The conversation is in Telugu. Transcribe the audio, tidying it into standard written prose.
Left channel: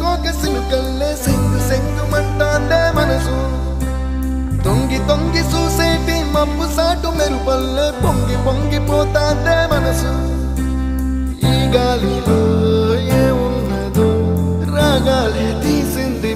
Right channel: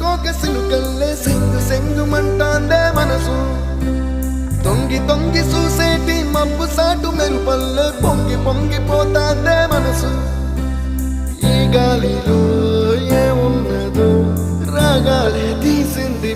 కోక సిలుకల్లే సెంగు సెంగు మంటాందే మనసు తొంగి తొంగి చూసేటి మబ్బు సాటు మెరుపల్లే పొంగి పొంగిపోతాందే మనసు ఈ గాలిలో ఏమున్నదో రాగాలే తీసింది